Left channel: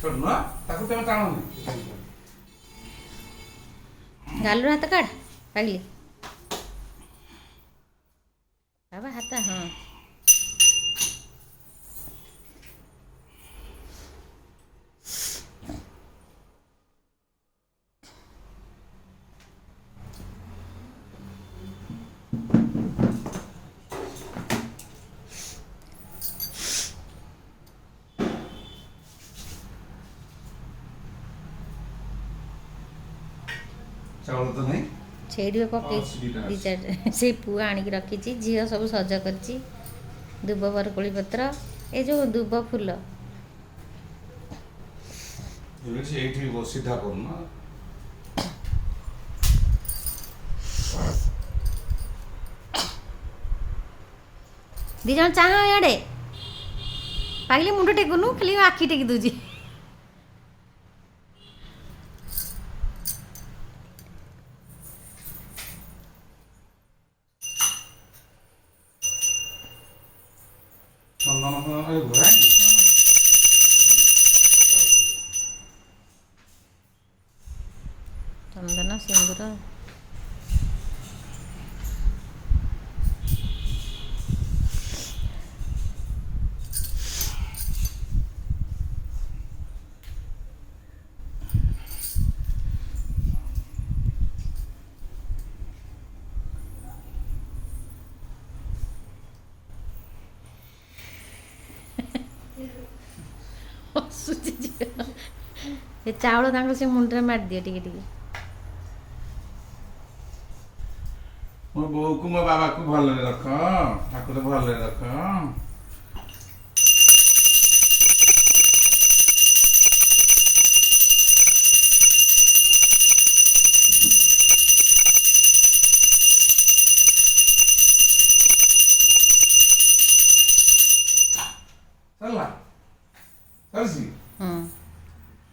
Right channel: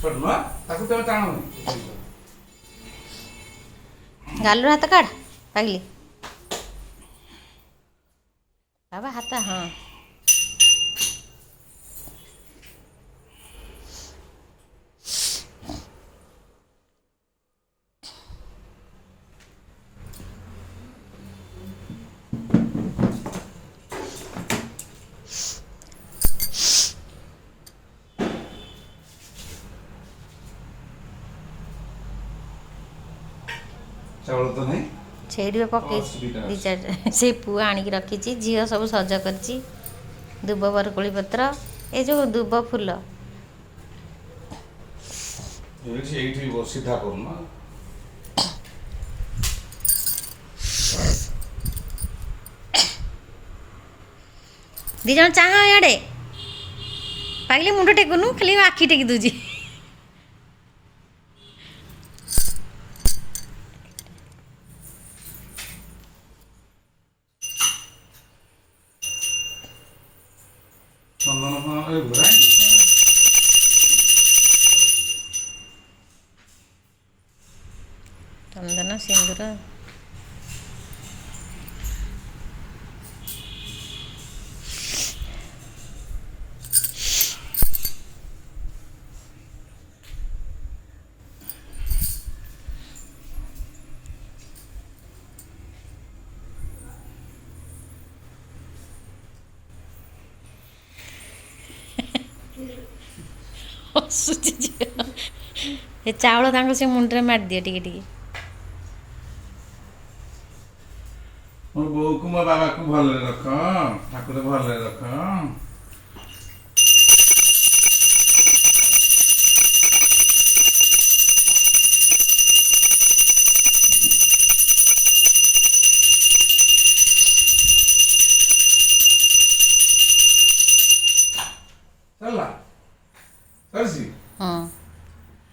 ଛୋଟ ତାକୁ ତମେ ଟାଣନି। ଗାଲରୁ ହାତ କାଢ଼ ପାଗିଲି ବାବା ହାତ ହଁ ଚାଉଳ ତ ନାହିଁ। ସେଇଠି ପକେଇଛି ଦୁଇ ଚାରି ସେଇ ପୁଅ ଆଣିକି ରଖିଛି। ଝିଅ ସବୁ ସଜ କରିଛି। ଦୁବ ବରକୋଳି ପତ୍ର ଏ ଯେଉଁ ଦୁବ ଫୁଲ ଏଇଠି ସିଧା କରୁନ। ଦି ଜଣ ଚାହା ଇଆଡ଼େ ପାଗିଲି ମୁଣ୍ଡ ଟେକୁନୁ ଖାଲି ଆଖି ଟେକି ଦେଉଛି। ଚନ୍ଦନ ସିନ୍ଦୁର ହସୁଛି ଝିଅ। ଏ ଚାଉଳ ତାଙ୍କ ସେ ମୁଣ୍ଡରେ ମାରିଦିଅ ଟିକେ ଟିକେ। ମୋ ବୋଉକୁ ମୋ ବାବାକୁ ଭଲରେ ରଖ। ଠାକୁର ଭଲରେ ରଖ। ଚାଲ ଚାଲିଛି।